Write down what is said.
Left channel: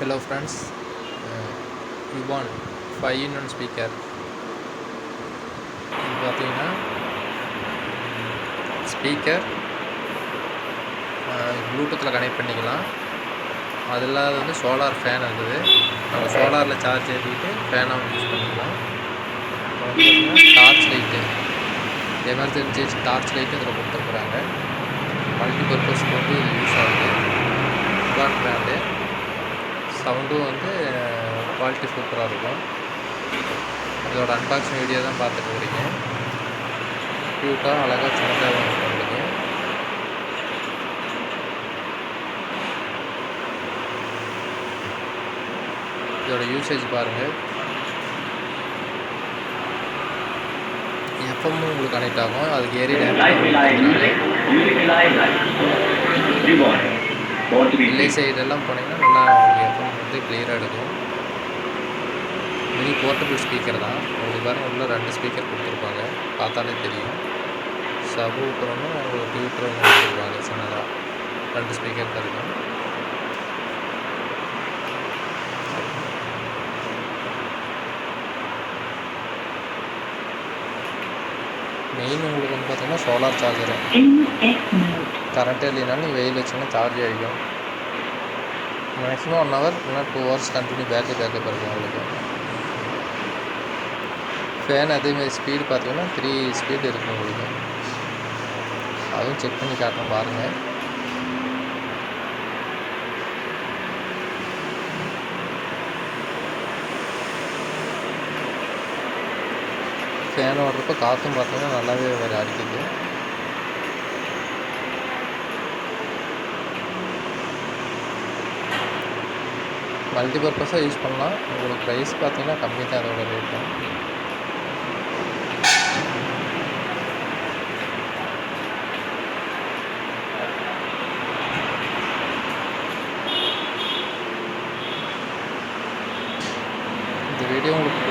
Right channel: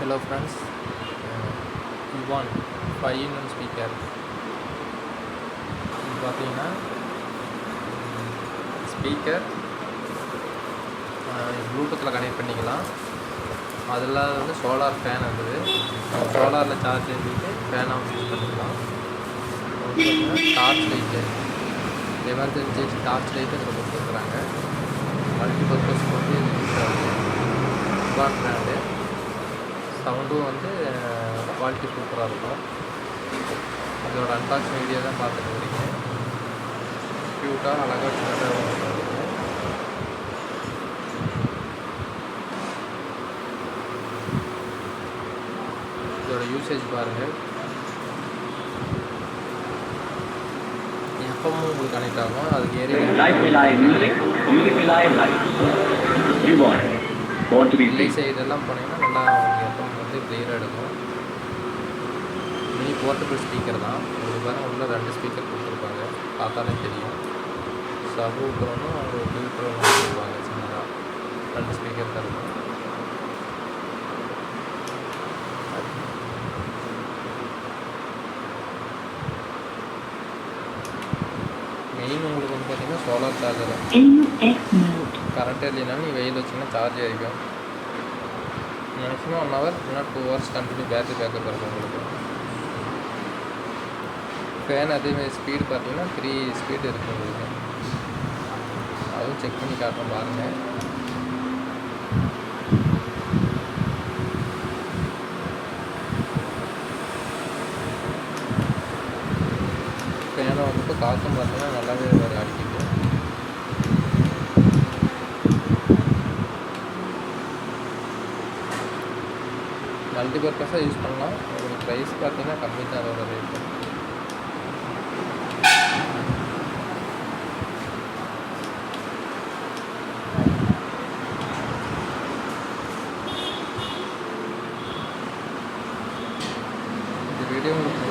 Hello friends, Ivan 5-in-1 speaker பார்த்தீங்கன்னா speaker ப்ளூடூத்தில் connect பண்ணிக்கலாம். அதில் வந்து சோலார் ஃபேன் இருக்குது. நம்ம சோலாரில் சார்ஜ் ஏற்றிட்டு ஃபேன் ஆன் யூஸ் பண்ணிக்கலாம். பார்த்தீங்கன்னா torch light, emergency torch light இதில் கொடுத்துருக்குறாங்க. மல்டி பர்பஸ்க்கு வந்து யூஸ் ஆகுது. Ivan brand. சவுண்டும் வந்து குவாலிட்டி சூப்பராக இருக்கும். இதோட அன்பாக்சிங் வீடியோ தான் பார்த்துட்டு வரீங்க. க்யூட்டாக அழகாக சின்னதாக வந்துருக்கீங்க. இதோட யூசேஜ் பாருங்கள். எஃப்எம் உங்களுக்கு கனெக்ட் ஆகும். அதுக்கு ஏரியா இல்லை சைடெல்லாம் போனீங்கன்னா நல்லா உங்களுக்கு எஃப்எம் வந்து கிளியராக எடுக்கும். மினி போர்ட்டபிள் ஸ்பீக்கர் தான். உங்களுக்கு பாருங்கள் உள்ள 2 ஸ்பீக்கர் கொடுத்துருப்பாங்க, பார்த்தாலே தெரியும். சபு ஊப்புறோன்னு ஒரு டியூட்டரும் கொடுத்துருப்பாங்க சின்னதாக. 2 ஸ்பீக்கர் தான் இருக்கும். மெயின் உங்களுக்கு வந்து பார்த்தீங்கன்னா சோலார் சார்ஜரு. கரண்ட் இல்லைனாலும் நீங்கள் வெயில் வச்சிங்கன்னா சார்ஜ் ஆகிக்கும். மேக்ஸிமம் 1 hour இல்லைனா 2 hours கண்டினியூ பேட்டரி பேக்கப் இருக்கும் உங்களுக்கு. ஃபேன் அதேமாதிரி ஸ்பீடு பார்த்தீங்கன்னா 3 ஸ்பீடு இருக்கும் உங்களுக்கு. அதுவும் செக் பண்ணி காட்டுறோம் பாருங்கள். ஃபேன் ஓடுறப்போ காற்றும் பார்த்தீங்கன்னா நல்லாவே வேறு அடிக்குது. மல்டி பர்பஸாக யூஸ் பண்ணலாம். உங்களுக்கு ப்ரைஸ் பார்த்தீங்கன்னா கம்மி தான் அதோட ரேட்டு. இந்த வீடியோ உங்களுக்கு